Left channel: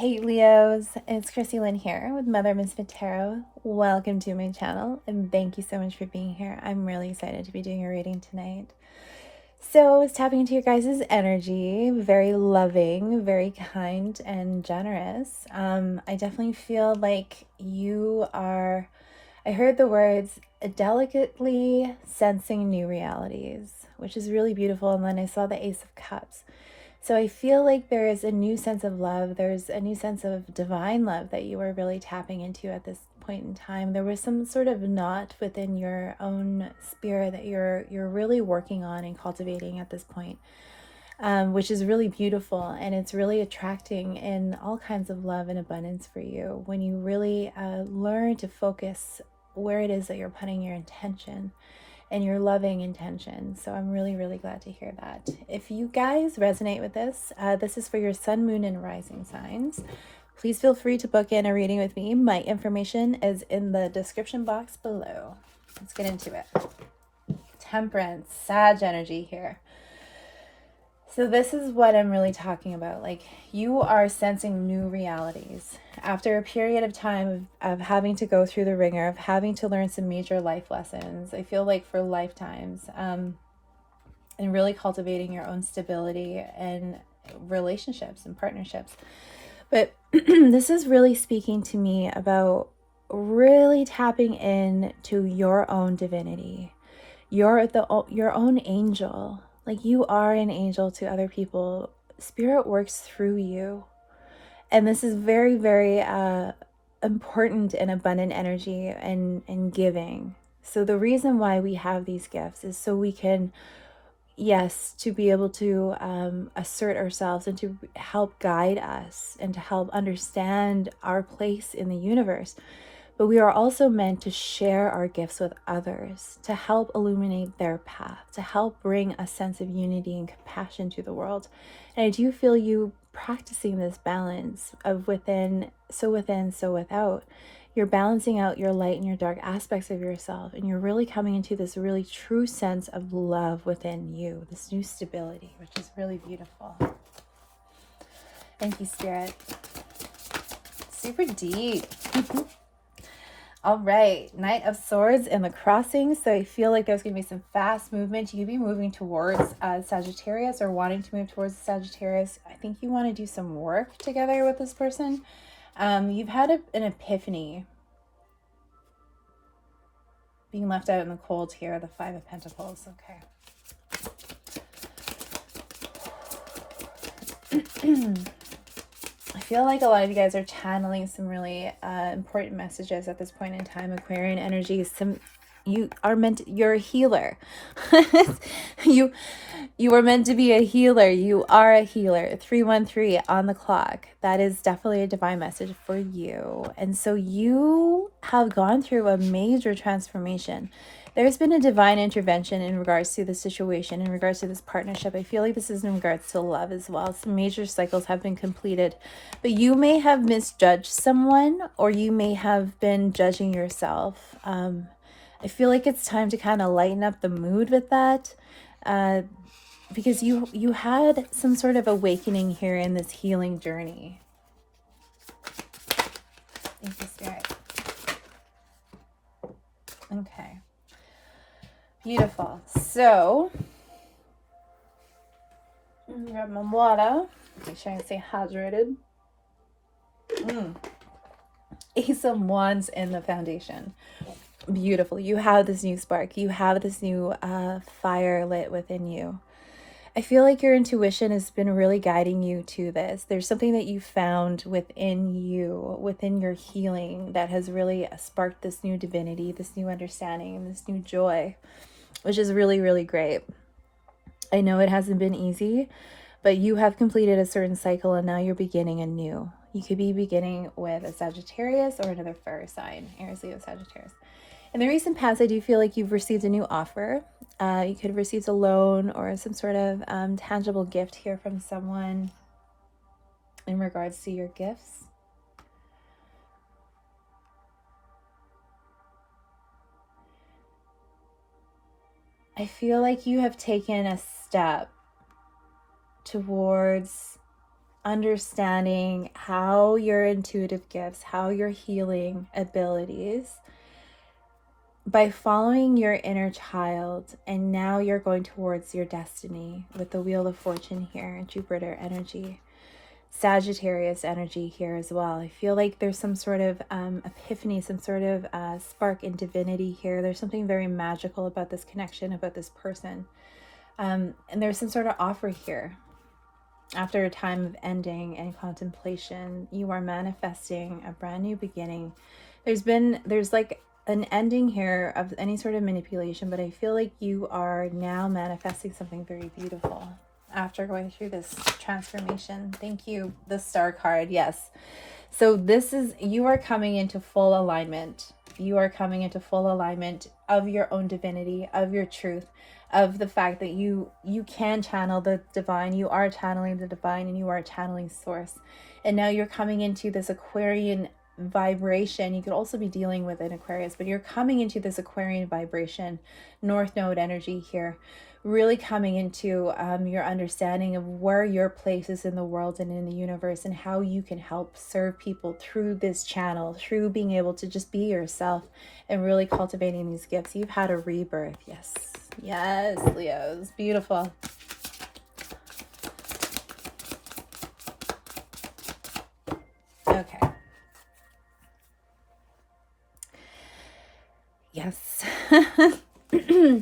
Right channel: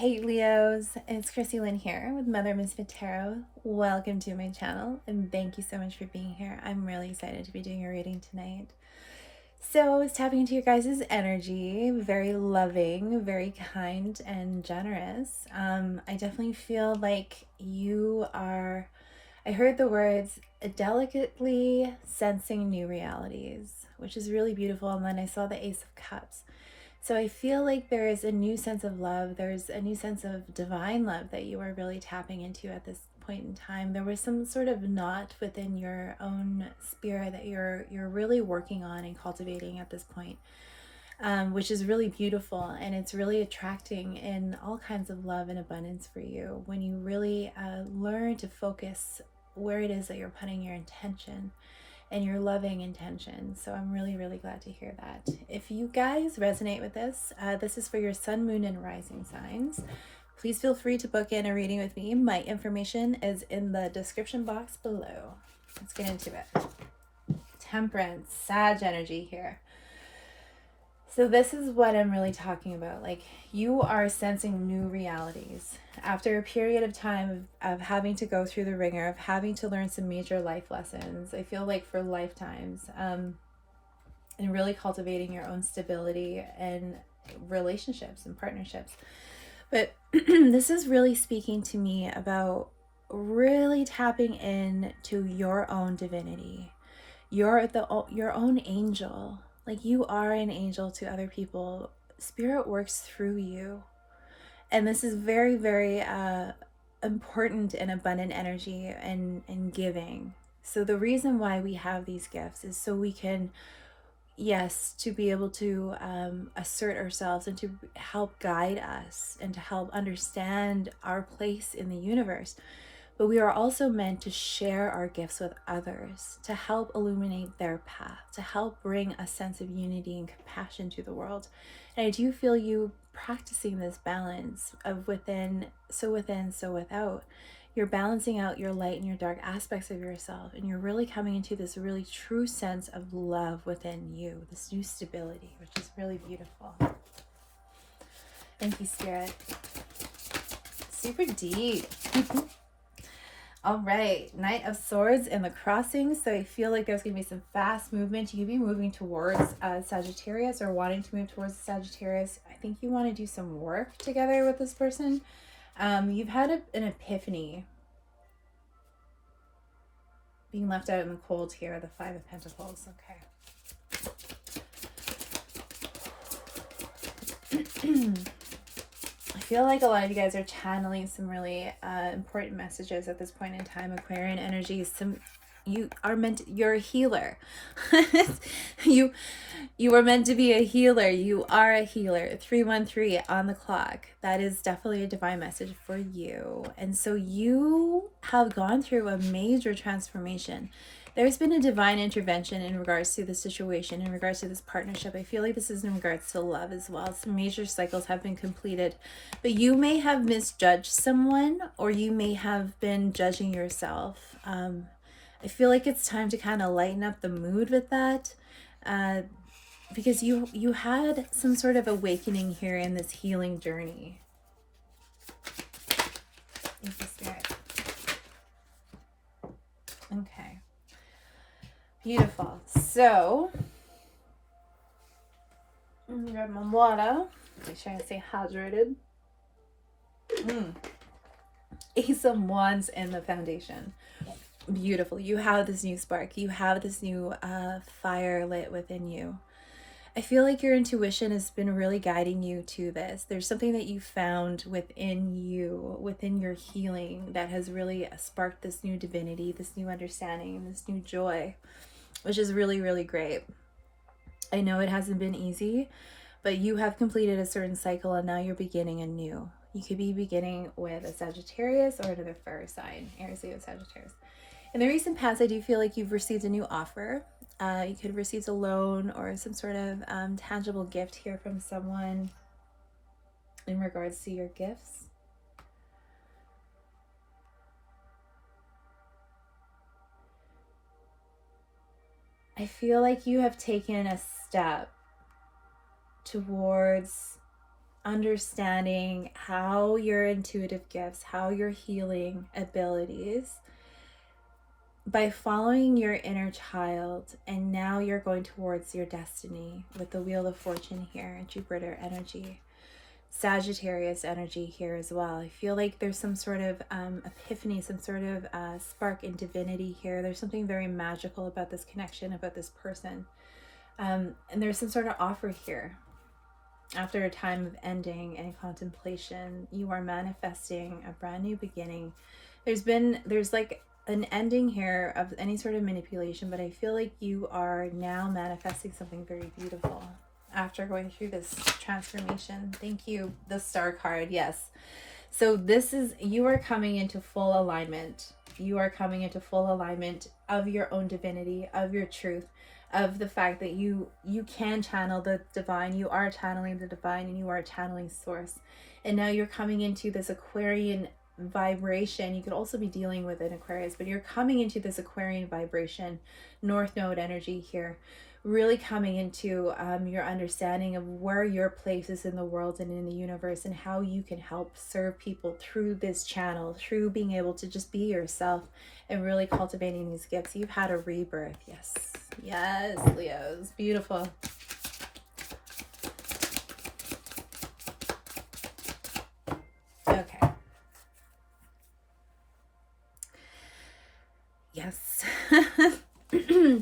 Hey Leos, it's Chrissy Lynn here with Mother Misfit Tarot. Welcome to my channel and thank you so much for being here. I'm really excited to be doing a reading tonight. So I was tapping into your guys' energy, very loving, very kind and generous. I definitely feel like you are, I heard the words delicately sensing new realities, which is really beautiful. And then I saw the Ace of Cups. So I feel like there is a new sense of love. There's a new sense of divine love that you are really tapping into at this point in time. There was some sort of knot within your own spirit that you're really working on and cultivating at this point, which is really beautiful, and it's really attracting in all kinds of love and abundance for you when you really learn to focus where it is that you're putting your intention and your loving intention. So I'm really, really glad to hear that. If you guys resonate with this, this is for your sun, moon, and rising signs. Please feel free to book in a reading with me. My information is in the description box below. Let's get into it. Temperance, Sag energy here. So this is what I'm really talking about. Like, you are sensing new realities after a period of time of having to go through the ringer, of having to learn some major life lessons. I feel like for lifetimes, and really cultivating your own stability and relationships and partnerships. But this is really speaking to me about really tapping in to your own divinity. Your own angel. Like, you are an angel to other people. Spirit works through you. And this is very, very important and abundant energy and giving. So the reason why we have these gifts is so we can, yes, to be able to assert ourselves and to help guide us and to help understand our place in the universe. But we are also meant to share our gifts with others, to help illuminate their path, to help bring a sense of unity and compassion to the world. And I do feel you practicing this balance of within, so without. You're balancing out your light and your dark aspects of yourself, and you're really coming into this really true sense of love within you, this new stability, which is really beautiful. Thank you, Spirit. Super deep. All right, Knight of Swords in the crossing. So I feel like there's going to be some fast movement. You could be moving towards Sagittarius or wanting to move towards Sagittarius. I think you want to do some work together with this person. You've had an epiphany. Being left out in the cold here, the Five of Pentacles. Okay. I feel like a lot of you guys are channeling some really important messages at this point in time. Aquarian energy. You're a healer. you are meant to be a healer. You are a healer. 313 on the clock. That is definitely a divine message for you. And so you have gone through a major transformation. There's been a divine intervention in regards to the situation, in regards to this partnership. I feel like this is in regards to love as well. Some major cycles have been completed, but you may have misjudged someone, or you may have been judging yourself. I feel like it's time to kind of lighten up the mood with that, because you had some sort of awakening here in this healing journey. Thank you, Spirit. Okay. Beautiful. So, grab my water. Make sure I stay hydrated. Ace of Wands in the foundation. Beautiful. You have this new spark. You have this new fire lit within you. I feel like your intuition has been really guiding you to this. There's something that you found within you, within your healing, that has really sparked this new divinity, this new understanding, and this new joy, which is really, really great. I know it hasn't been easy, but you have completed a certain cycle and now you're beginning anew. You could be beginning with a Sagittarius or another fire sign, Aries, Leo, Sagittarius. In the recent past, I do feel like you've received a new offer. You could have received a loan or some sort of tangible gift here from someone in regards to your gifts. I feel like you have taken a step towards understanding how your intuitive gifts, how your healing abilities, by following your inner child, and now you're going towards your destiny with the Wheel of Fortune here, Jupiter energy, Sagittarius energy here as well. I feel like there's some sort of epiphany, some sort of spark in divinity here. There's something very magical about this connection, about this person. And there's some sort of offer here. After a time of ending and contemplation, you are manifesting a brand new beginning. There's like an ending here of any sort of manipulation, but I feel like you are now manifesting something very beautiful after going through this transformation. Thank you, the Star card. Yes. So this is, you are coming into full alignment. You are coming into full alignment of your own divinity, of your truth, of the fact that you can channel the divine. You are channeling the divine, and you are channeling source. And now you're coming into this Aquarian vibration. You could also be dealing with an Aquarius, but you're coming into this Aquarian vibration, North Node energy here, really coming into your understanding of where your place is in the world and in the universe, and how you can help serve people through this channel, through being able to just be yourself and really cultivating these gifts. You've had a rebirth. Yes. Yes, Leos. Beautiful. Okay. Yes.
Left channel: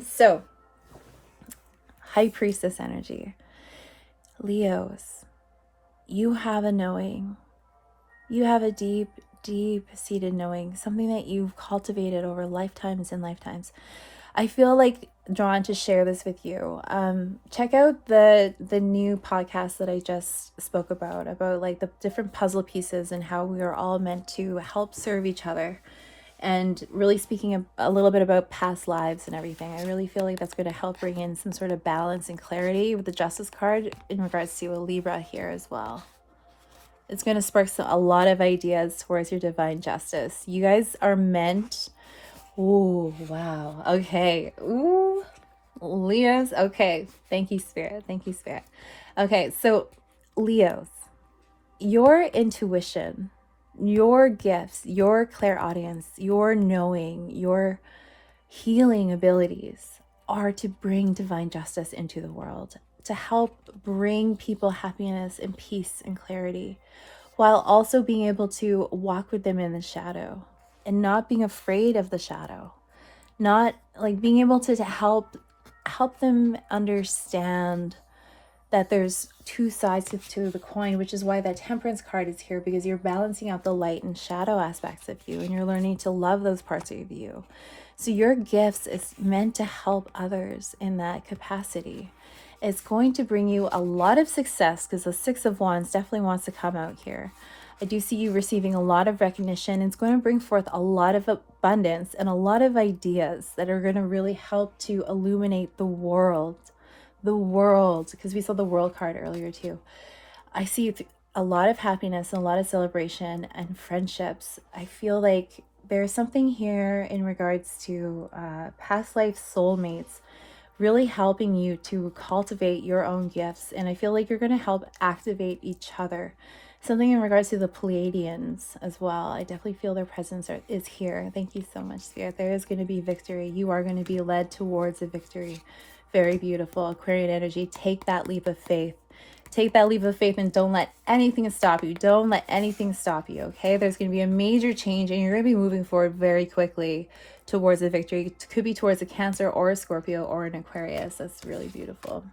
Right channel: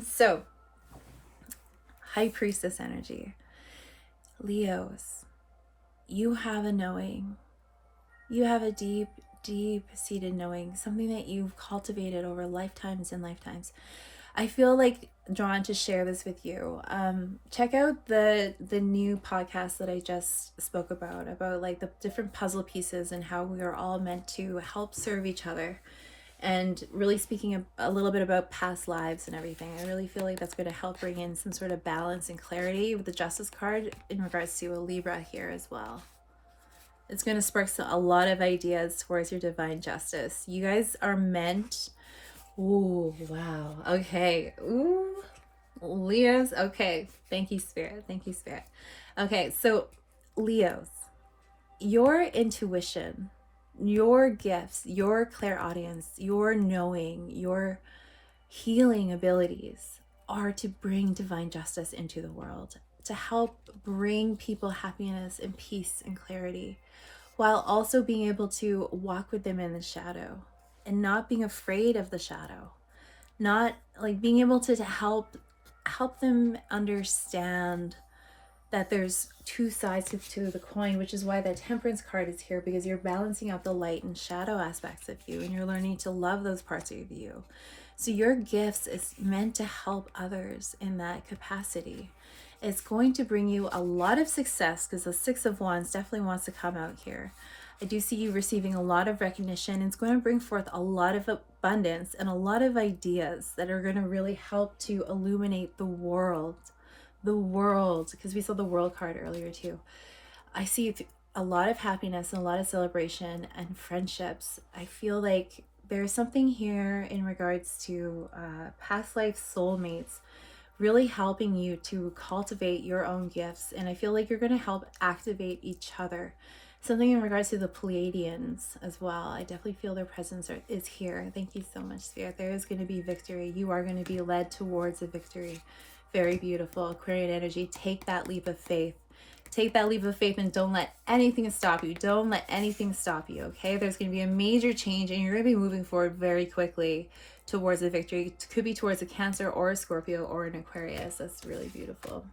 So, High Priestess energy. Leos, you have a knowing. You have a deep, deep-seated knowing, something that you've cultivated over lifetimes and lifetimes. I feel like drawn to share this with you. Check out the new podcast that I just spoke about like the different puzzle pieces and how we are all meant to help serve each other. And really speaking a little bit about past lives and everything. I really feel like that's going to help bring in some sort of balance and clarity with the Justice card in regards to a Libra here as well. It's going to spark a lot of ideas towards your divine justice. You guys are meant... Ooh, wow. Okay. Ooh, Leos. Okay. Thank you, Spirit. Thank you, Spirit. Okay, so Leos, your intuition, your gifts, your clairaudience, your knowing, your healing abilities are to bring divine justice into the world, to help bring people happiness and peace and clarity, while also being able to walk with them in the shadow and not being afraid of the shadow, not like being able to help them understand that there's two sides to the coin, which is why that Temperance card is here, because you're balancing out the light and shadow aspects of you, and you're learning to love those parts of you. So your gifts is meant to help others in that capacity. It's going to bring you a lot of success, because the Six of Wands definitely wants to come out here. I do see you receiving a lot of recognition. It's going to bring forth a lot of abundance and a lot of ideas that are going to really help to illuminate the world, because we saw the World card earlier too. I see a lot of happiness and a lot of celebration and friendships. I feel like there's something here in regards to past life soulmates really helping you to cultivate your own gifts, and I feel like you're going to help activate each other. Something in regards to the Pleiadians as well. I definitely feel their presence is here. Thank you so much, Spirit. There is going to be victory. You are going to be led towards a victory. Very beautiful. Aquarian energy. Take that leap of faith. Take that leap of faith and don't let anything stop you. Don't let anything stop you, okay? There's going to be a major change, and you're going to be moving forward very quickly towards a victory. It could be towards a Cancer or a Scorpio or an Aquarius. That's really beautiful.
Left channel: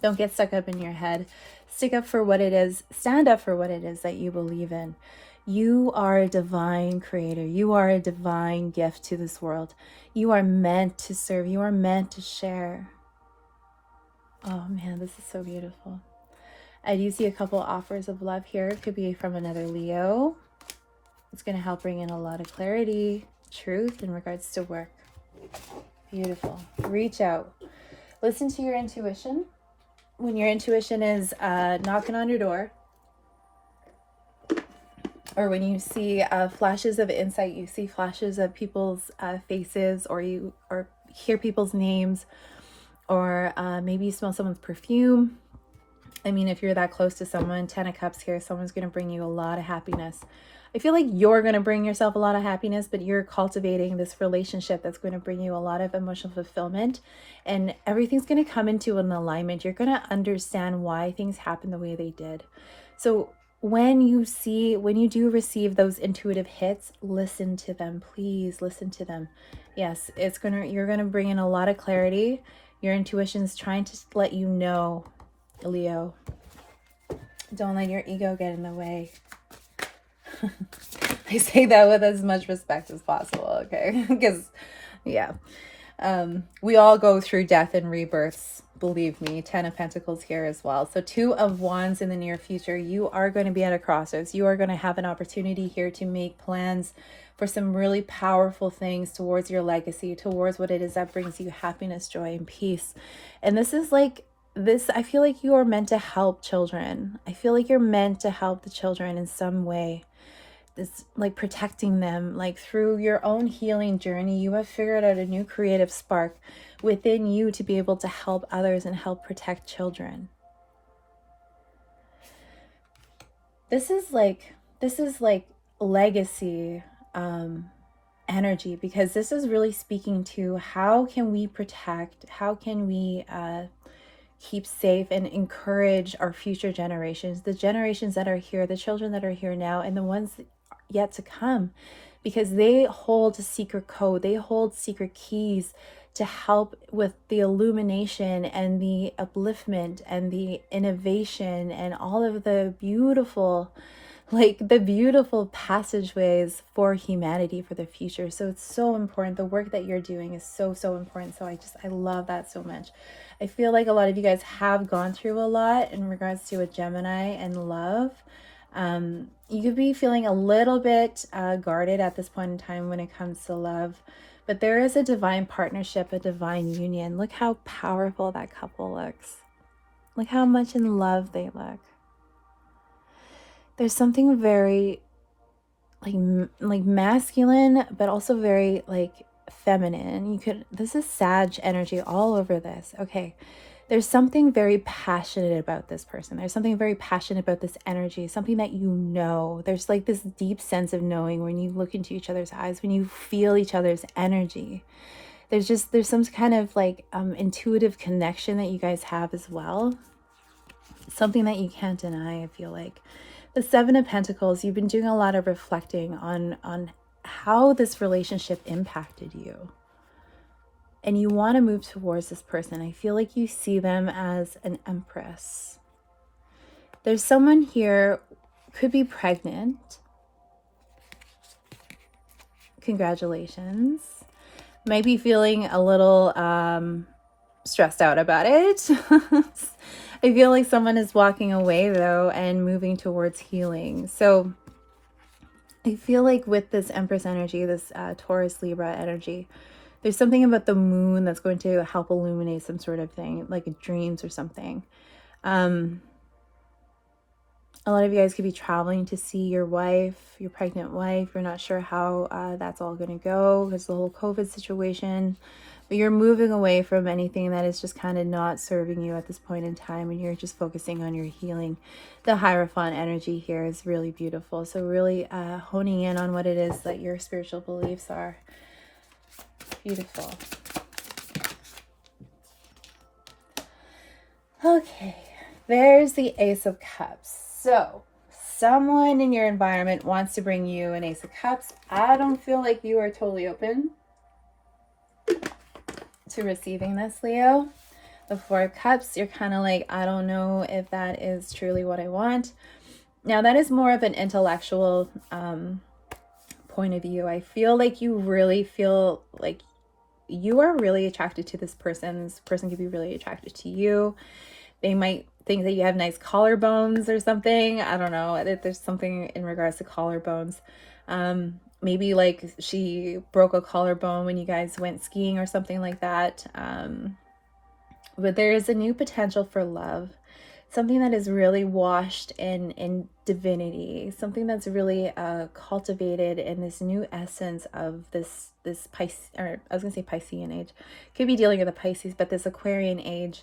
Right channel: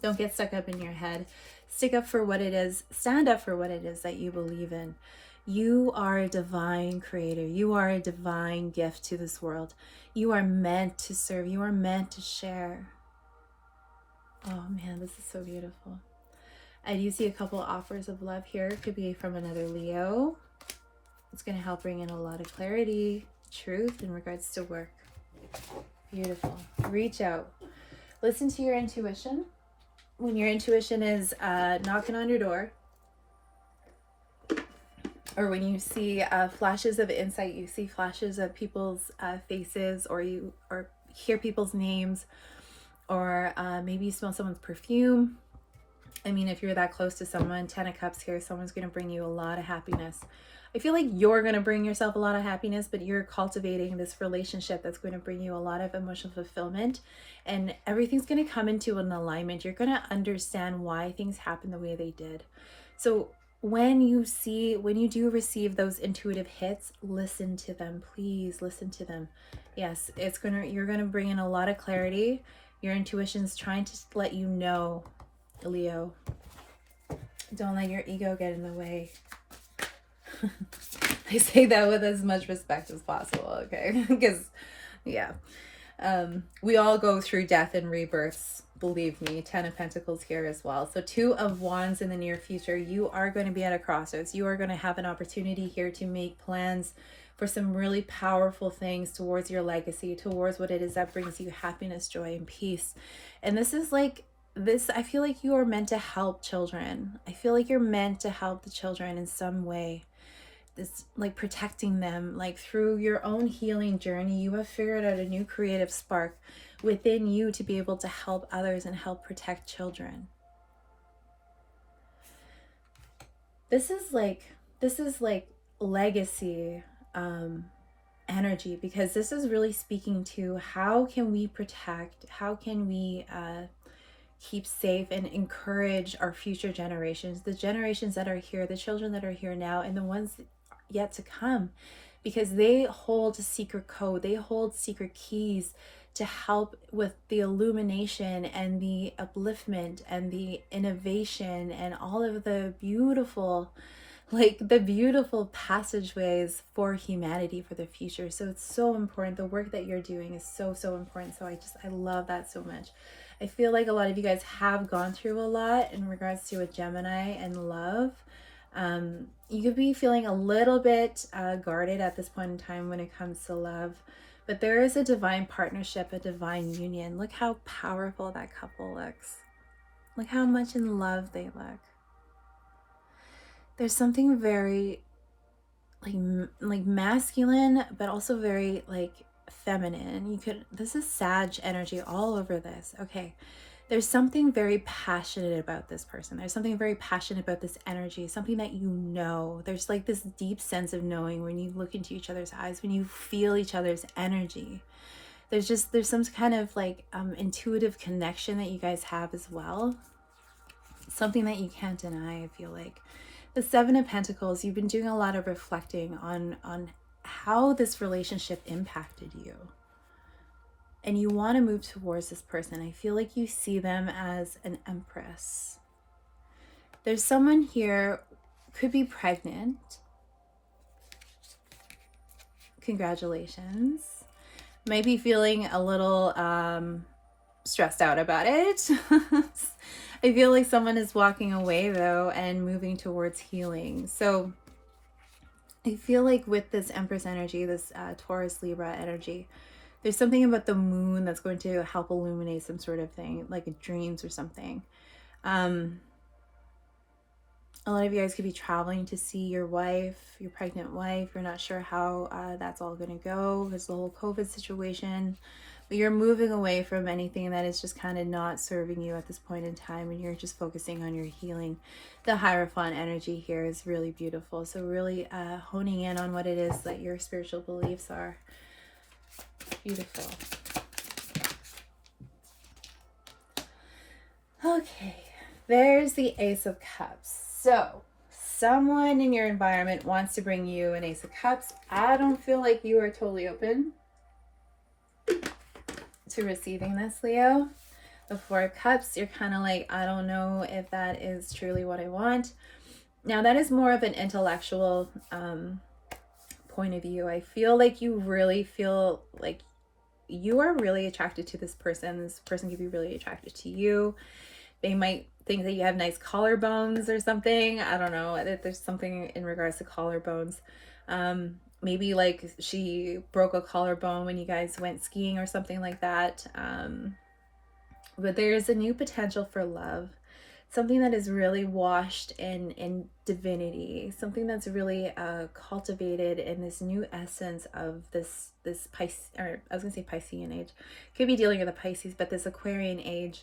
Don't get stuck up in your head. Stick up for what it is. Stand up for what it is that you believe in. You are a divine creator. You are a divine gift to this world. You are meant to serve. You are meant to share. Oh man, this is so beautiful. I do see a couple offers of love here. It could be from another Leo. It's going to help bring in a lot of clarity, truth in regards to work. Beautiful. Reach out. Listen to your intuition. When your intuition is knocking on your door, or when you see flashes of insight, you see flashes of people's faces, or you hear people's names, or maybe you smell someone's perfume, I mean, if you're that close to someone, 10 of Cups here, someone's going to bring you a lot of happiness. I feel like you're going to bring yourself a lot of happiness, but you're cultivating this relationship that's going to bring you a lot of emotional fulfillment, and everything's going to come into an alignment. You're going to understand why things happen the way they did. So when you do receive those intuitive hits, listen to them. Please listen to them. Yes, you're going to bring in a lot of clarity. Your intuition's trying to let you know, Leo, don't let your ego get in the way. I say that with as much respect as possible, okay? Because, yeah. We all go through death and rebirths, believe me. 10 of Pentacles here as well. So 2 of Wands in the near future. You are going to be at a crossroads. You are going to have an opportunity here to make plans for some really powerful things towards your legacy, towards what it is that brings you happiness, joy, and peace. And this is like, I feel like you are meant to help children. I feel like you're meant to help the children in some way. It's like protecting them, like through your own healing journey. You have figured out a new creative spark within you to be able to help others and help protect children. This is like legacy energy, because this is really speaking to how can we protect, how can we keep safe and encourage our future generations, the generations that are here, the children that are here now, and the ones yet to come, because they hold a secret code, they hold secret keys to help with the illumination and the upliftment and the innovation and all of the beautiful passageways for humanity for the future. So it's so important. The work that you're doing is so important. So I love that so much. I feel like a lot of you guys have gone through a lot in regards to a Gemini and love. You could be feeling a little bit guarded at this point in time when it comes to love, but there is a divine partnership, a divine union. Look how powerful that couple looks. Look how much in love they look. There's something very like masculine, but also very like feminine. This is Sag energy all over this. Okay. There's something very passionate about this person. There's something very passionate about this energy, something that you know. There's like this deep sense of knowing when you look into each other's eyes, when you feel each other's energy. There's some kind of like intuitive connection that you guys have as well. Something that you can't deny, I feel like. The 7 of Pentacles, you've been doing a lot of reflecting on how this relationship impacted you. And you want to move towards this person. I feel like you see them as an empress. There's someone here, could be pregnant. Congratulations. Might be feeling a little stressed out about it. I feel like someone is walking away though and moving towards healing. So I feel like with this Empress energy, this Taurus Libra energy, there's something about the moon that's going to help illuminate some sort of thing, like dreams or something. A lot of you guys could be traveling to see your wife, your pregnant wife. You're not sure how that's all going to go because the whole COVID situation. But you're moving away from anything that is just kind of not serving you at this point in time, and you're just focusing on your healing. The Hierophant energy here is really beautiful. So really honing in on what it is that your spiritual beliefs are. Beautiful. Okay, there's the Ace of Cups. So someone in your environment wants to bring you an Ace of Cups. I don't feel like you are totally open to receiving this, Leo. The 4 of Cups, you're kind of like, I don't know if that is truly what I want. Now that is more of an intellectual point of view. I feel like you really feel like you are really attracted to this person. This person could be really attracted to you. They might think that you have nice collarbones or something. I don't know. There's something in regards to collarbones. Maybe like she broke a collarbone when you guys went skiing or something like that. But there's a new potential for love. Something that is really washed in divinity. Something that's really cultivated in this new essence of this Pisces, or I was going to say Piscean age. Could be dealing with the Pisces, but this Aquarian age.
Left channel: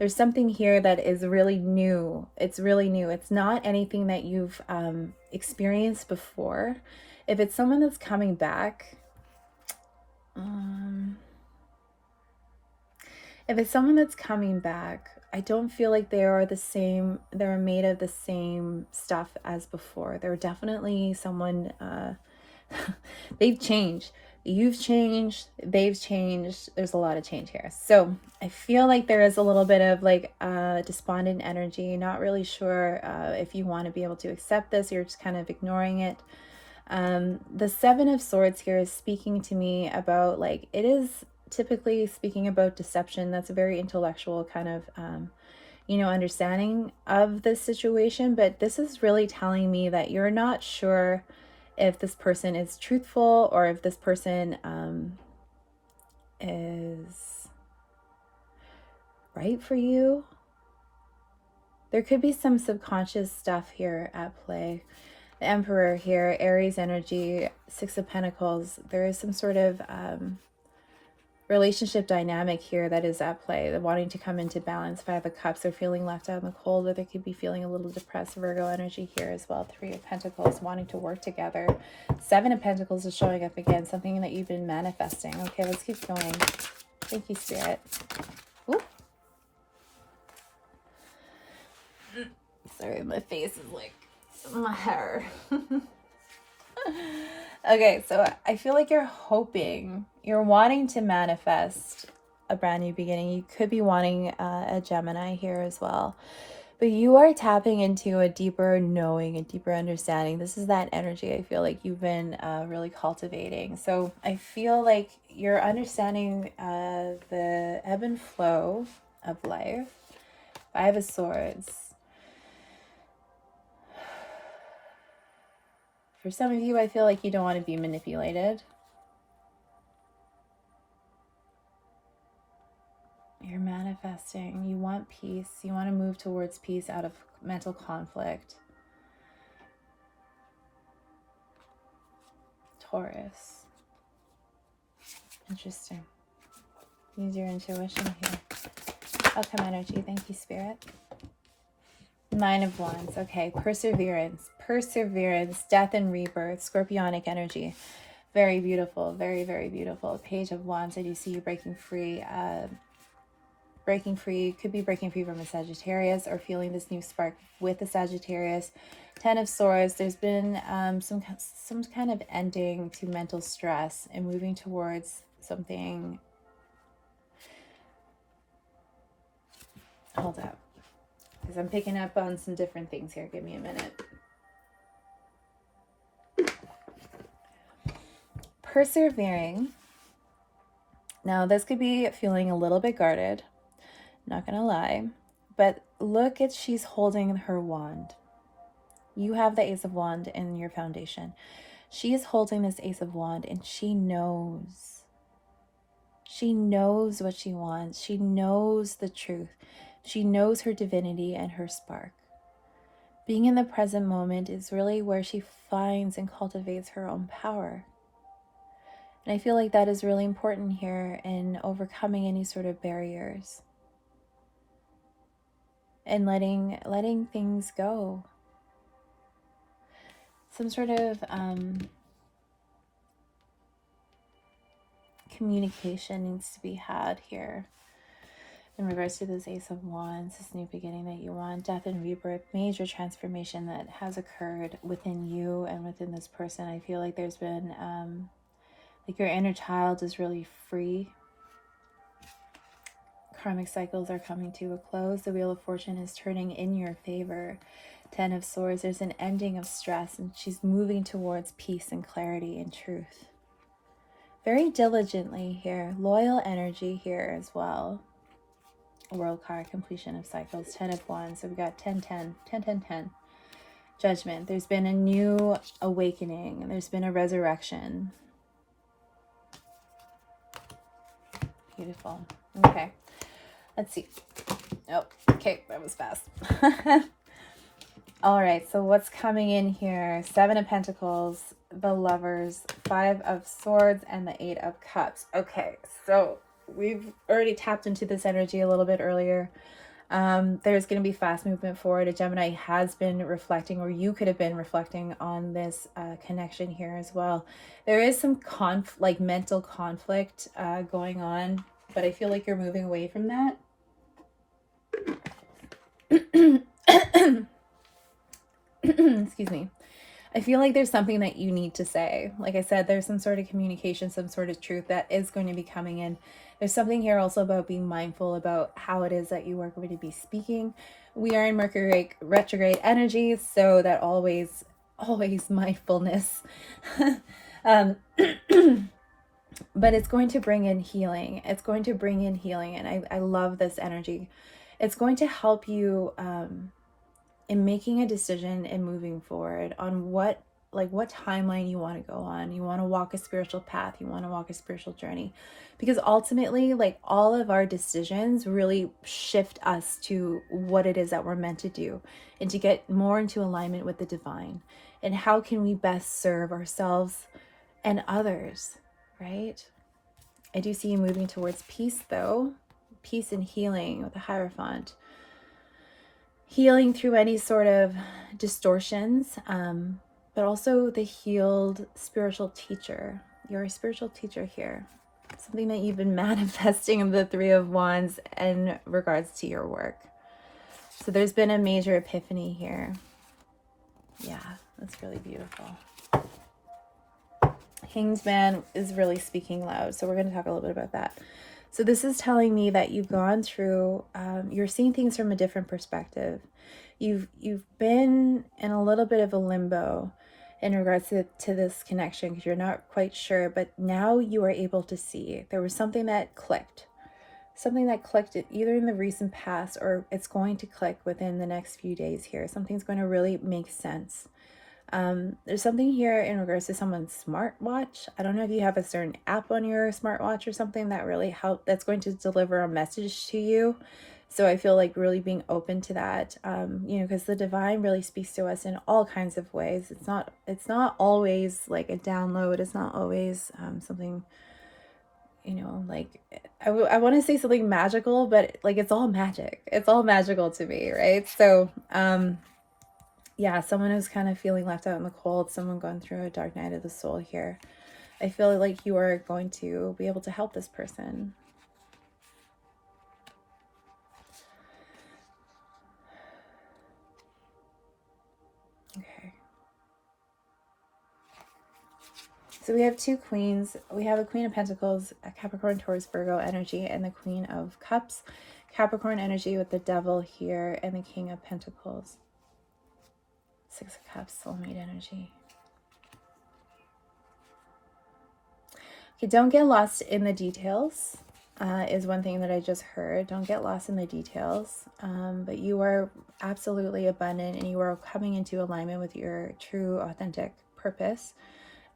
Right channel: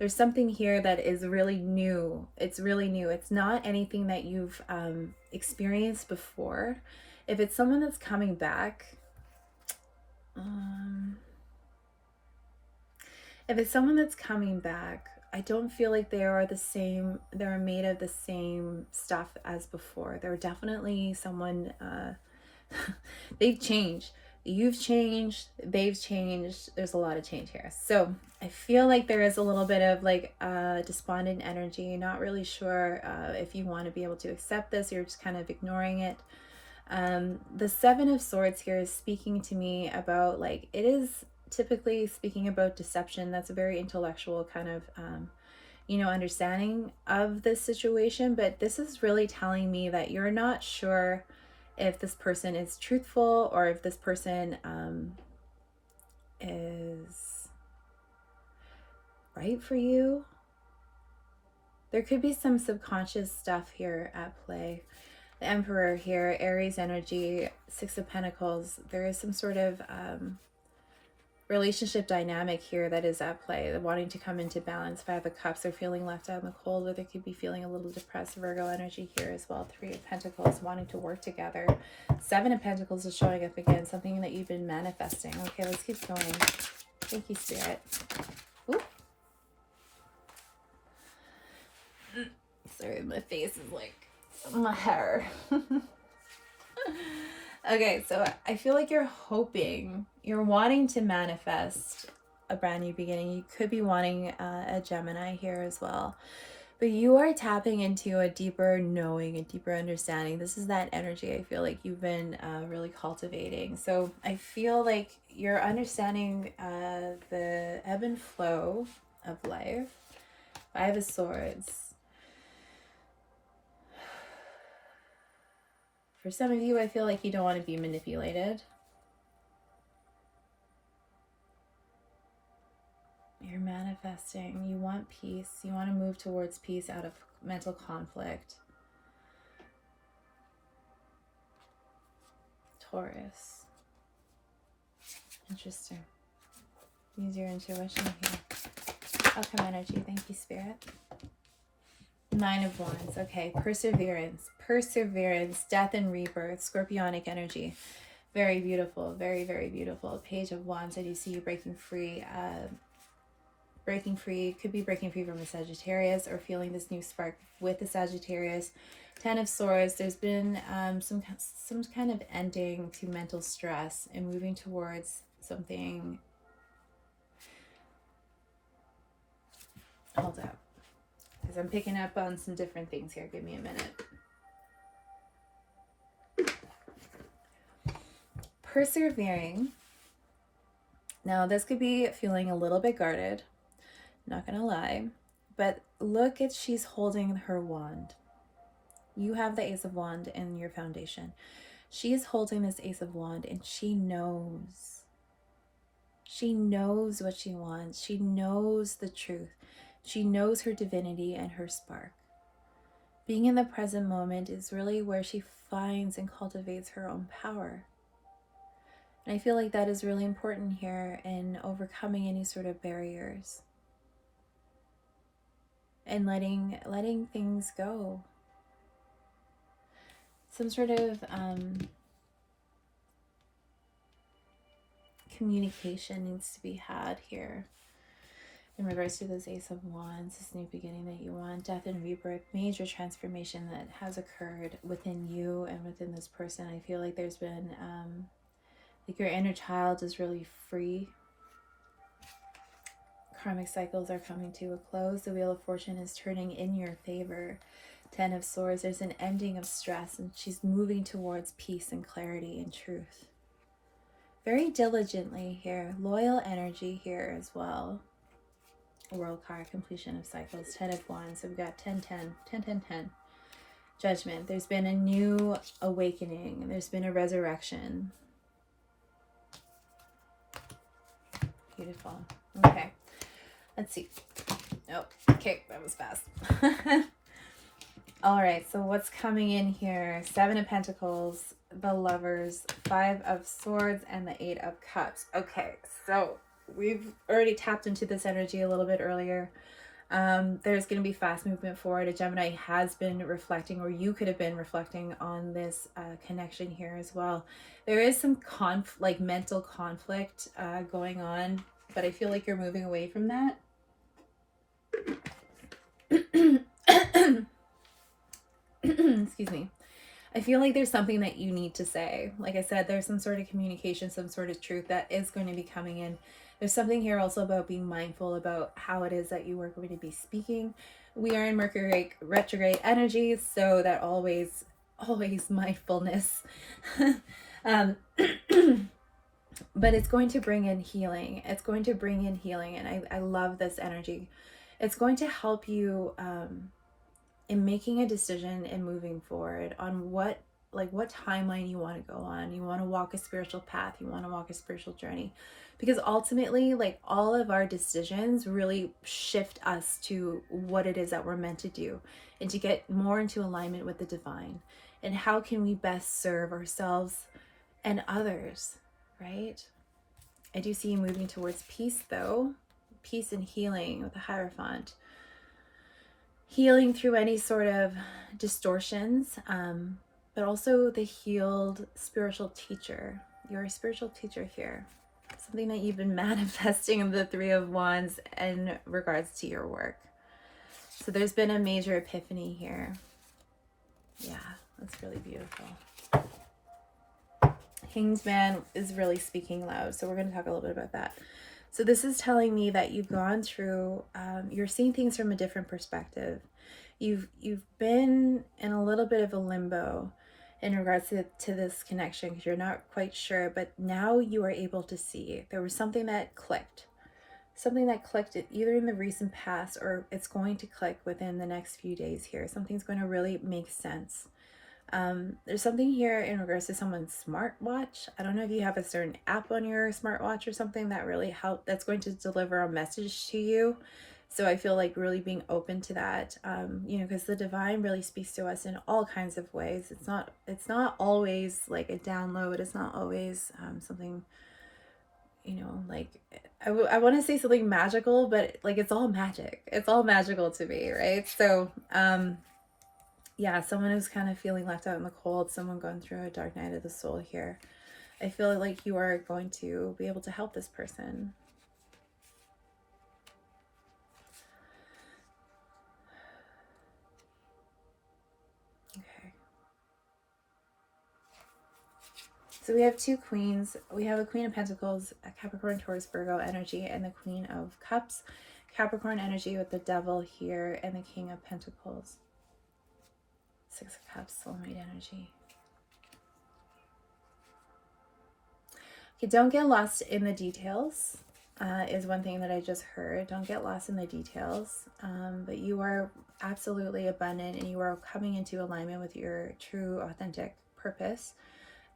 There's something here that is really new. It's really new. It's not anything that you've experienced before. If it's someone that's coming back, if it's someone that's coming back, I don't feel like they are the same, they're made of the same stuff as before. They're definitely someone, they've changed. You've changed, they've changed. There's a lot of change here. So I feel like there is a little bit of like despondent energy. Not really sure if you want to be able to accept this. You're just kind of ignoring it. The Seven of Swords here is speaking to me about, like, it is typically speaking about deception. That's a very intellectual kind of, you know, understanding of this situation. But this is really telling me that you're not sure if this person is truthful or if this person is right for you. There could be some subconscious stuff here at play. The Emperor here, Aries energy, Six of Pentacles. There is some sort of relationship dynamic here that is at play. They're wanting to come into balance. Five of Cups. They're feeling left out in the cold, or they could be feeling a little depressed. Virgo energy here as well. Three of Pentacles, wanting to work together. Seven of Pentacles is showing up again. Something that you've been manifesting. Okay, let's keep going. Thank you, Spirit. Ooh. Sorry, my face is like my hair. Okay, so I feel like you're hoping, you're wanting to manifest a brand new beginning. You could be wanting a Gemini here as well. But you are tapping into a deeper knowing, a deeper understanding. This is that energy I feel like you've been really cultivating. So I feel like you're understanding the ebb and flow of life. Five of Swords. For some of you, I feel like you don't want to be manipulated. You're manifesting. You want peace. You want to move towards peace out of mental conflict. Taurus. Interesting. Use your intuition here. Outcome energy. Thank you, Spirit. Nine of Wands. Okay. Perseverance. Perseverance. Death and rebirth. Scorpionic energy. Very beautiful. Very, very beautiful. Page of Wands. I do see you breaking free. Breaking free. Could be breaking free from a Sagittarius or feeling this new spark with a Sagittarius. Ten of Swords. There's been some kind of ending to mental stress and moving towards something. Hold up. Because I'm picking up on some different things here. Give me a minute. Persevering. Now, this could be feeling a little bit guarded. Not going to lie. But look at, she's holding her wand. You have the Ace of Wand in your foundation. She is holding this Ace of Wand, and she knows. She knows what she wants. She knows the truth. She knows her divinity and her spark. Being in the present moment is really where she finds and cultivates her own power. And I feel like that is really important here in overcoming any sort of barriers. And letting things go. Some sort of communication needs to be had here. In regards to this Ace of Wands, this new beginning that you want, death and rebirth, major transformation that has occurred within you and within this person. I feel like there's been, like your inner child is really free. Karmic cycles are coming to a close. The Wheel of Fortune is turning in your favor. Ten of Swords, there's an ending of stress, and she's moving towards peace and clarity and truth. Very diligently here. Loyal energy here as well. World card, completion of cycles. 10 of Wands. So we've got 10, 10, 10, 10, 10. Judgment. There's been a new awakening. There's been a resurrection. Beautiful. Okay. Let's see. Oh, okay. That was fast. All right. So what's coming in here? Seven of Pentacles, the Lovers, Five of Swords, and the Eight of Cups. Okay. So we've already tapped into this energy a little bit earlier. There's going to be fast movement forward. A Gemini has been reflecting, or you could have been reflecting on this connection here as well. There is some like mental conflict going on, but I feel like you're moving away from that. Excuse me. I feel like there's something that you need to say. Like I said, there's some sort of communication, some sort of truth that is going to be coming in. There's something here also about being mindful about how it is that you are going to be speaking. We are in Mercury retrograde energy, so that always mindfulness. But it's going to bring in healing. It's going to bring in healing, and I love this energy. It's going to help you in making a decision and moving forward on what timeline you want to go on. You want to walk a spiritual path, you want to walk a spiritual journey, because ultimately, like, all of our decisions really shift us to what it is that we're meant to do, and to get more into alignment with the divine, and how can we best serve ourselves and others, right? I do see you moving towards peace, though. Peace and healing with the Hierophant. Healing through any sort of distortions, but also the healed spiritual teacher. You're a spiritual teacher here. Something that you've been manifesting in the Three of Wands in regards to your work. So there's been a major epiphany here. Yeah, that's really beautiful. Hanged Man is really speaking loud, so we're going to talk a little bit about that. So this is telling me that you've gone through, you're seeing things from a different perspective. You've been in a little bit of a limbo in regards to this connection, because you're not quite sure, but now you are able to see. There was something that clicked. Something that clicked either in the recent past, or it's going to click within the next few days here. Something's going to really make sense. There's something here in regards to someone's smartwatch. I don't know if you have a certain app on your smartwatch or something that really that's going to deliver a message to you. So I feel like really being open to that, because the divine really speaks to us in all kinds of ways. It's not always like a download. It's not always something, like I want to say something magical, but like it's all magic. It's all magical to me, right? So yeah, someone who's kind of feeling left out in the cold, someone going through a dark night of the soul here. I feel like you are going to be able to help this person. Okay. So we have two queens. We have a Queen of Pentacles, a Capricorn, Taurus, Virgo energy, and the Queen of Cups. Capricorn energy with the Devil here, and the King of Pentacles. Six of Cups, soulmate energy. Okay, don't get lost in the details, is one thing that I just heard. Don't get lost in the details. But you are absolutely abundant, and you are coming into alignment with your true, authentic purpose,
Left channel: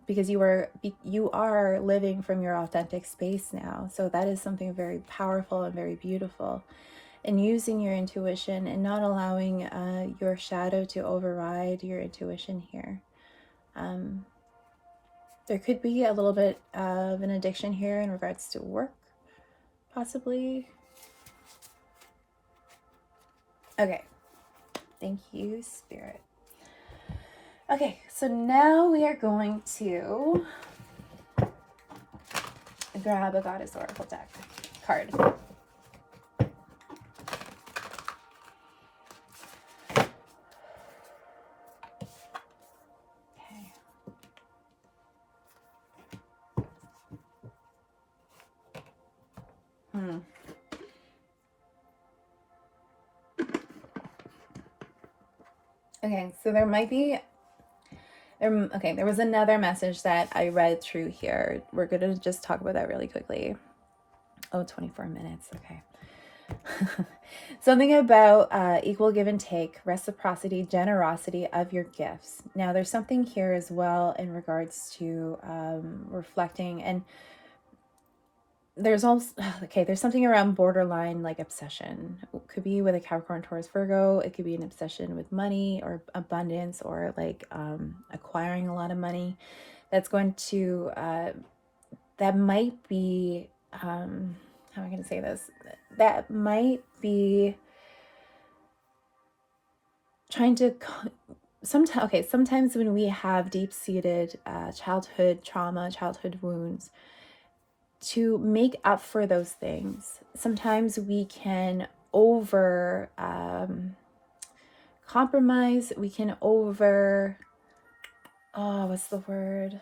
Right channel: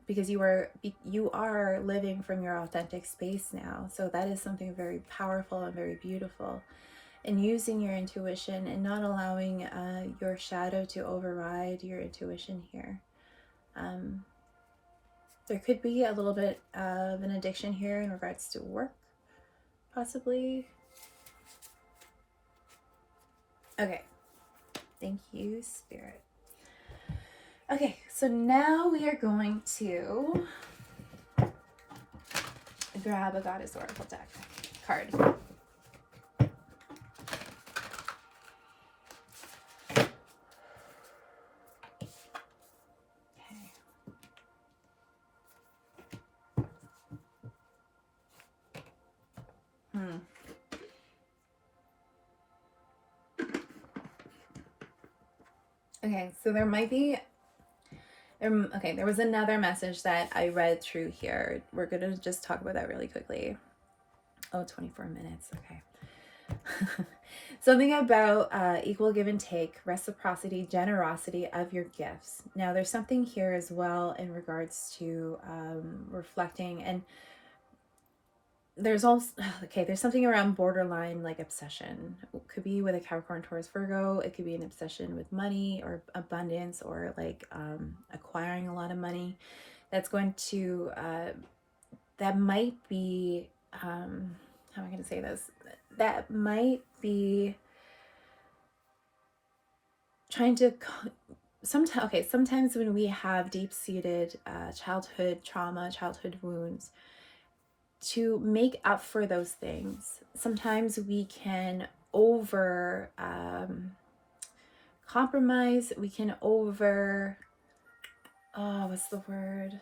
because you are living from your authentic space now. So that is something very powerful and very beautiful. And using your intuition and not allowing your shadow to override your intuition here. There could be a little bit of an addiction here in regards to work, possibly. Okay. Thank you, Spirit. Okay, so now we are going to grab a Goddess Oracle deck card. Okay, so there might be, there was another message that I read through here. We're going to just talk about that really quickly. Oh, 24 minutes, okay. Something about equal give and take, reciprocity, generosity of your gifts. Now, there's something here as well in regards to reflecting, and there's also, there's something around borderline, like obsession. It could be with a Capricorn, Taurus, Virgo. It could be an obsession with money or abundance, or like acquiring a lot of money. That's going to, that might be, how am I going to say this? That might be trying to sometimes when we have deep-seated childhood trauma, childhood wounds, to make up for those things, sometimes we can over compromise, we can over what's the word,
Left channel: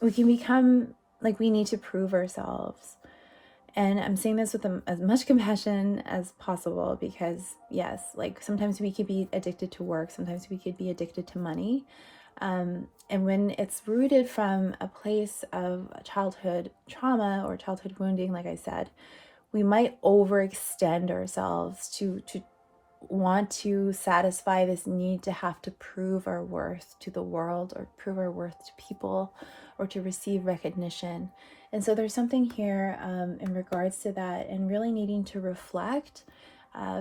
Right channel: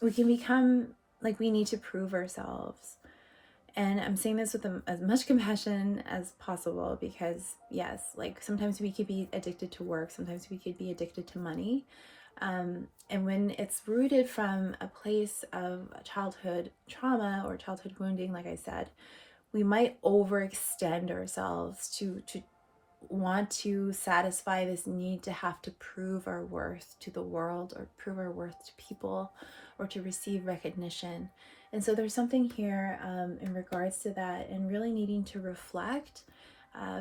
we can become like we need to prove ourselves. And I'm saying this with as much compassion as possible, because yes, like sometimes we could be addicted to work, sometimes we could be addicted to money. And when it's rooted from a place of childhood trauma or childhood wounding, like I said, we might overextend ourselves to want to satisfy this need to have to prove our worth to the world, or prove our worth to people, or to receive recognition. And so there's something here in regards to that, and really needing to reflect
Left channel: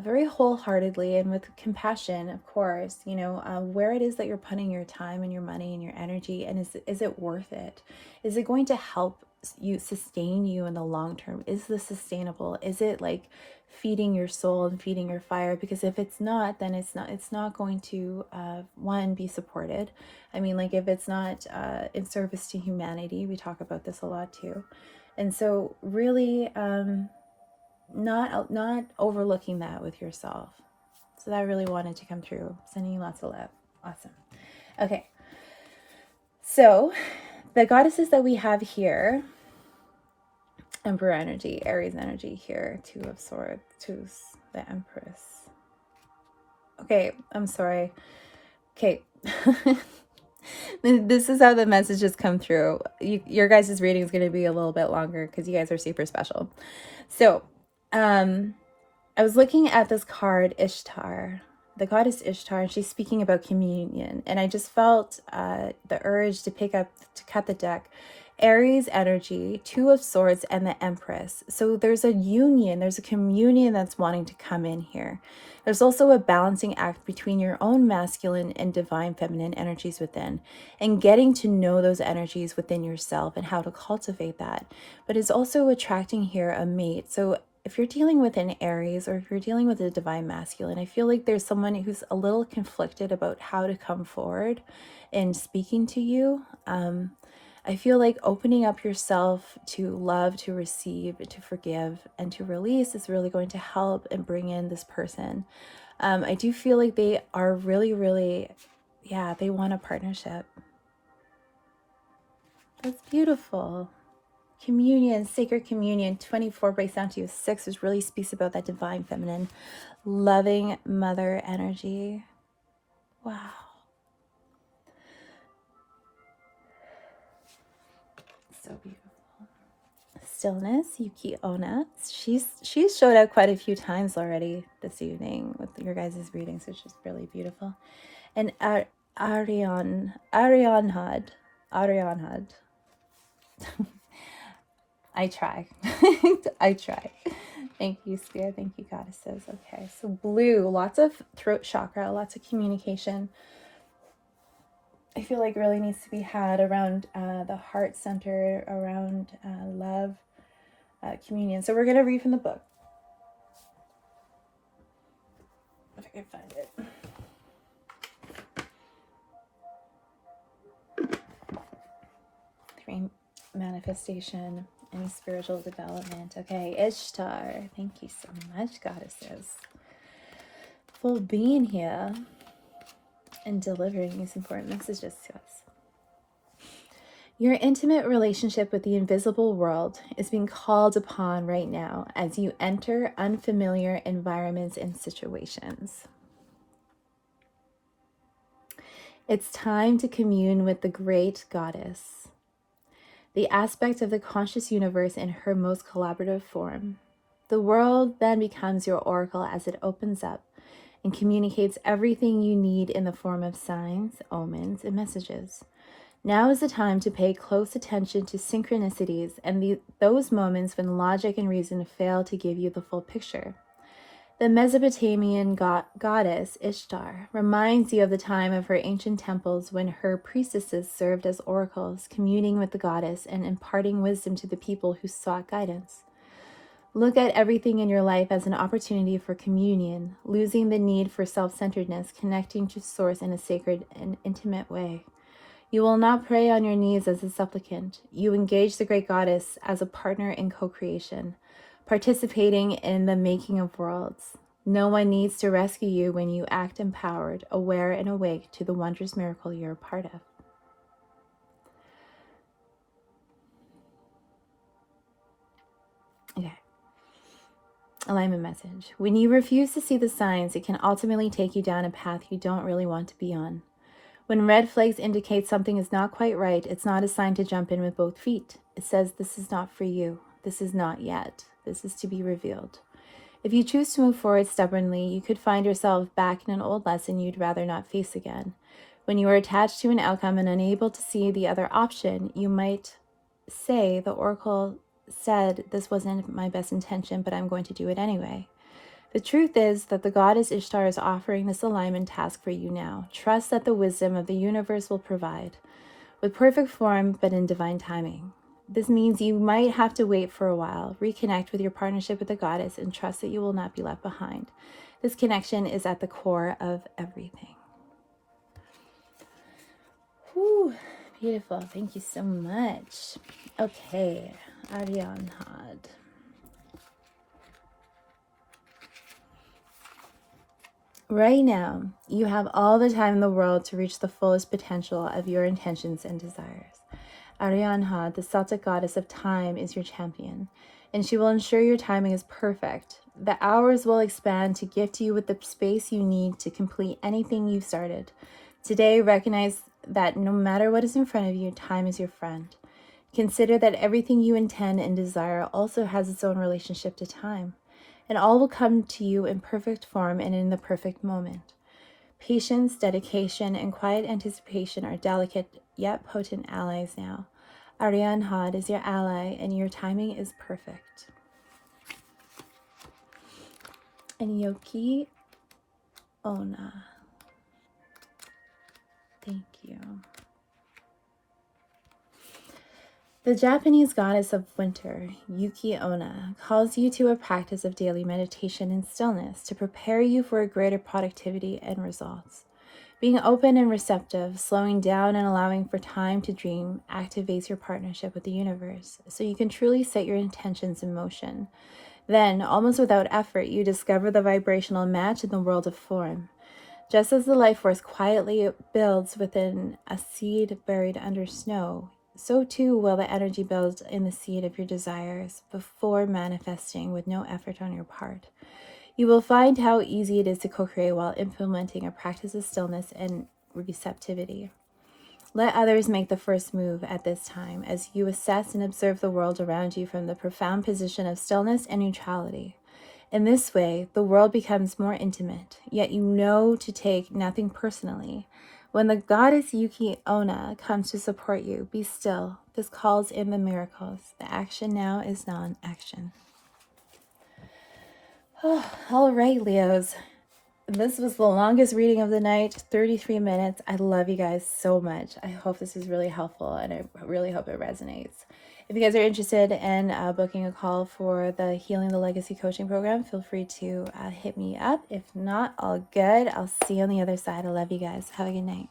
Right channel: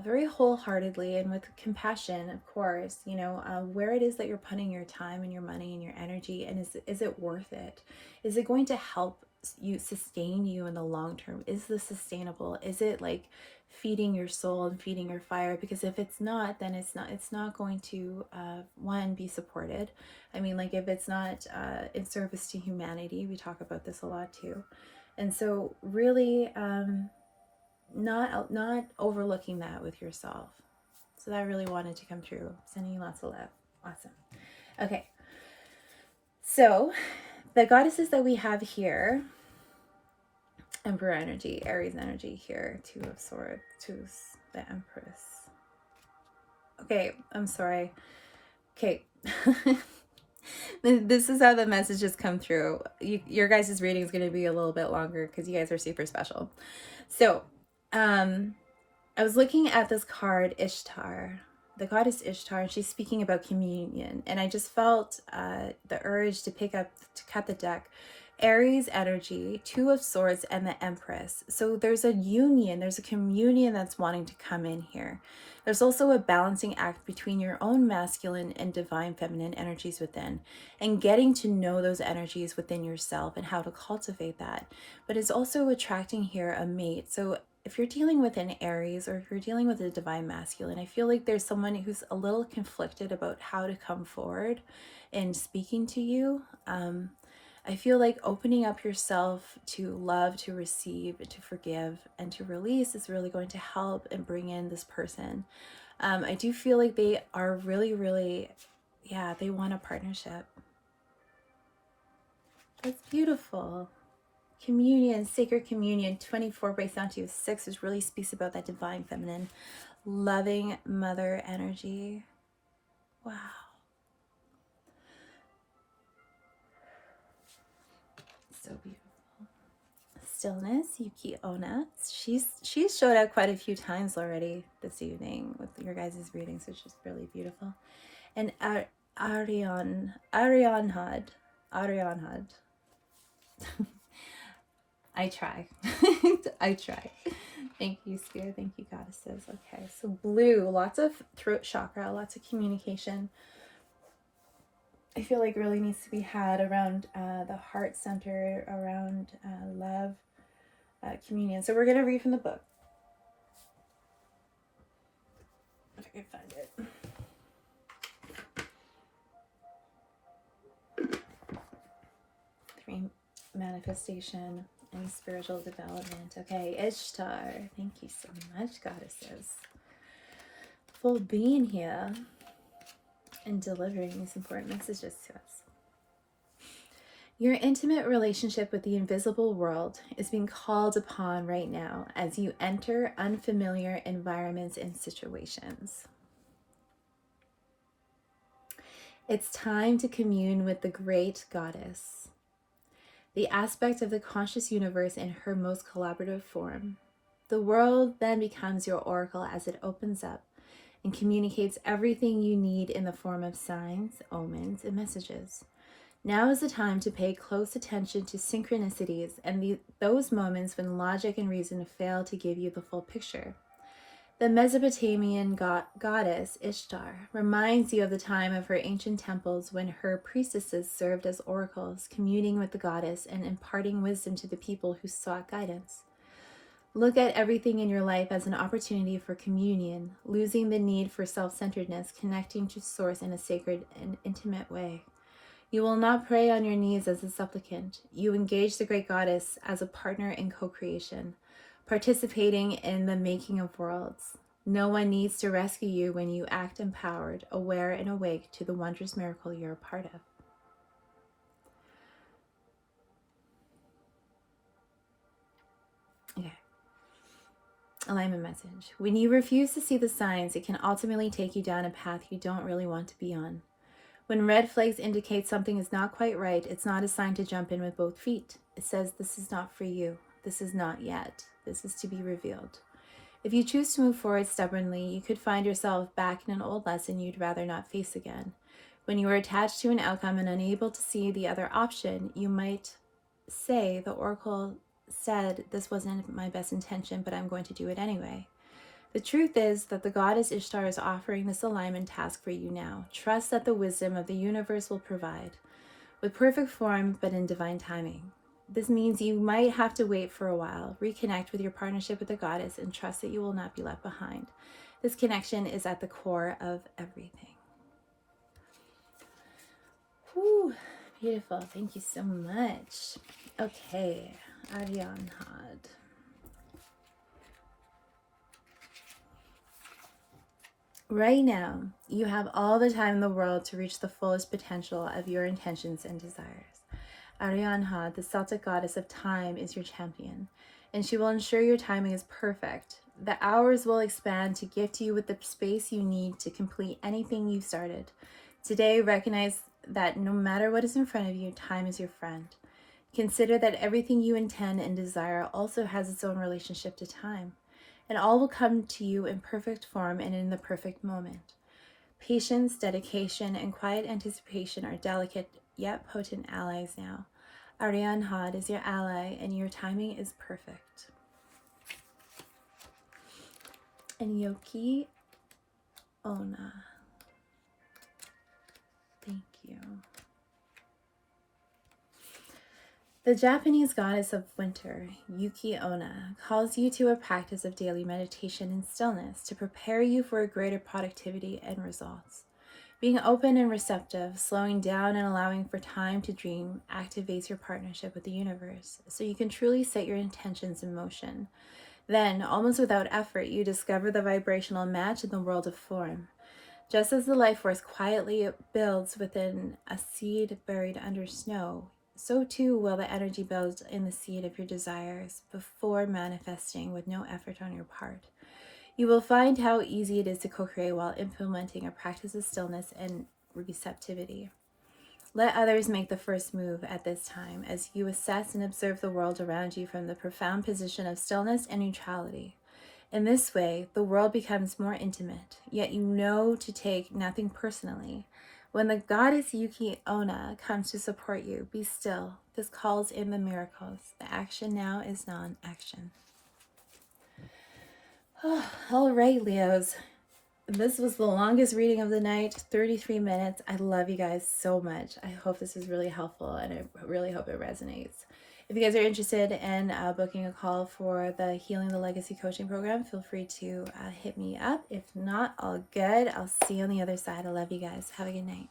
very wholeheartedly and with compassion, of course, where it is that you're putting your time and your money and your energy, and is it worth it? Is it going to help you sustain you in the long term? Is this sustainable? Is it like feeding your soul and feeding your fire? Because if it's not, then it's not going to one, be supported. I mean, like if it's not in service to humanity, we talk about this a lot too. And so really not overlooking that with yourself. So that really wanted to come through. Sending you lots of love. Awesome. Okay, so the goddesses that we have here: Emperor energy, Aries energy here, Two of Swords, the Empress. Okay, I'm sorry. Okay. This is how the messages come through. Your guys' reading is going to be a little bit longer because you guys are super special. So, I was looking at this card, Ishtar, the goddess Ishtar, and she's speaking about communion. And I just felt the urge to cut the deck. Aries energy, Two of Swords, and the Empress. So there's a union, there's a communion that's wanting to come in here. There's also a balancing act between your own masculine and divine feminine energies within, and getting to know those energies within yourself and how to cultivate that. But it's also attracting here a mate. So if you're dealing with an Aries, or if you're dealing with a divine masculine, I feel like there's someone who's a little conflicted about how to come forward in speaking to you. I feel like opening up yourself to love, to receive, to forgive, and to release is really going to help and bring in this person. I do feel like they are really, really, they want a partnership. That's beautiful. Communion, sacred communion. 24 breaks down to 6, which really speaks about that divine feminine, loving mother energy. Wow. So beautiful. Stillness, Yuki Onna. She's showed up quite a few times already this evening with your guys' readings, which is really beautiful. And Arianhad. I try. I try. Thank you, Spirit. Thank you, goddesses. Okay, so blue, lots of throat chakra, lots of communication. I feel like really needs to be had around the heart center, around love, communion. So we're going to read from the book. If I can find it. 3, manifestation and spiritual development. Okay, Ishtar. Thank you so much, goddesses, for being here and delivering these important messages to us. Your intimate relationship with the invisible world is being called upon right now as you enter unfamiliar environments and situations. It's time to commune with the great goddess, the aspect of the conscious universe in her most collaborative form. The world then becomes your oracle as it opens up and communicates everything you need in the form of signs, omens, and messages. Now is the time to pay close attention to synchronicities and those moments when logic and reason fail to give you the full picture. The Mesopotamian goddess Ishtar reminds you of the time of her ancient temples when her priestesses served as oracles, communing with the goddess and imparting wisdom to the people who sought guidance. Look at everything in your life as an opportunity for communion, losing the need for self-centeredness, connecting to Source in a sacred and intimate way. You will not pray on your knees as a supplicant. You engage the great goddess as a partner in co-creation, participating in the making of worlds. No one needs to rescue you when you act empowered, aware, and awake to the wondrous miracle you're a part of. Okay. Alignment message. When you refuse to see the signs, it can ultimately take you down a path you don't really want to be on. When red flags indicate something is not quite right, it's not a sign to jump in with both feet. It says this is not for you. This is not yet. This is to be revealed. If you choose to move forward stubbornly, you could find yourself back in an old lesson you'd rather not face again. When you are attached to an outcome and unable to see the other option, you might say, the oracle said this wasn't my best intention, but I'm going to do it anyway. The truth is that the goddess Ishtar is offering this alignment task for you now. Trust that the wisdom of the universe will provide, with perfect form but in divine timing. This means you might have to wait for a while, reconnect with your partnership with the goddess, and trust that you will not be left behind. This connection is at the core of everything. Whew, beautiful. Thank you so much. Okay, Ariane Had. Right now, you have all the time in the world to reach the fullest potential of your intentions and desires. Arianha, the Celtic goddess of time, is your champion, and she will ensure your timing is perfect. The hours will expand to gift you with the space you need to complete anything you've started. Today, recognize that no matter what is in front of you, time is your friend. Consider that everything you intend and desire also has its own relationship to time, and all will come to you in perfect form and in the perfect moment. Patience, dedication, and quiet anticipation are delicate yet potent allies now. Ariane Had is your ally, and your timing is perfect. And Yoki Ona. Thank you. The Japanese goddess of winter, Yuki Onna, calls you to a practice of daily meditation and stillness to prepare you for a greater productivity and results. Being open and receptive, slowing down and allowing for time to dream activates your partnership with the universe so you can truly set your intentions in motion. Then, almost without effort, you discover the vibrational match in the world of form. Just as the life force quietly builds within a seed buried under snow, so too will the energy build in the seed of your desires before manifesting with no effort on your part. You will find how easy it is to co-create while implementing a practice of stillness and receptivity. Let others make the first move at this time as you assess and observe the world around you from the profound position of stillness and neutrality. In this way, the world becomes more intimate, yet you know to take nothing personally. When the goddess Yuki Onna comes to support you, be still. This calls in the miracles. The action now is non-action. All right, Leos. This was the longest reading of the night, 33 minutes. I love you guys so much. I hope this is really helpful, and I really hope it resonates. If you guys are interested in booking a call for the Healing the Legacy coaching program, feel free to hit me up. If not, all good. I'll see you on the other side. I love you guys. Have a good night.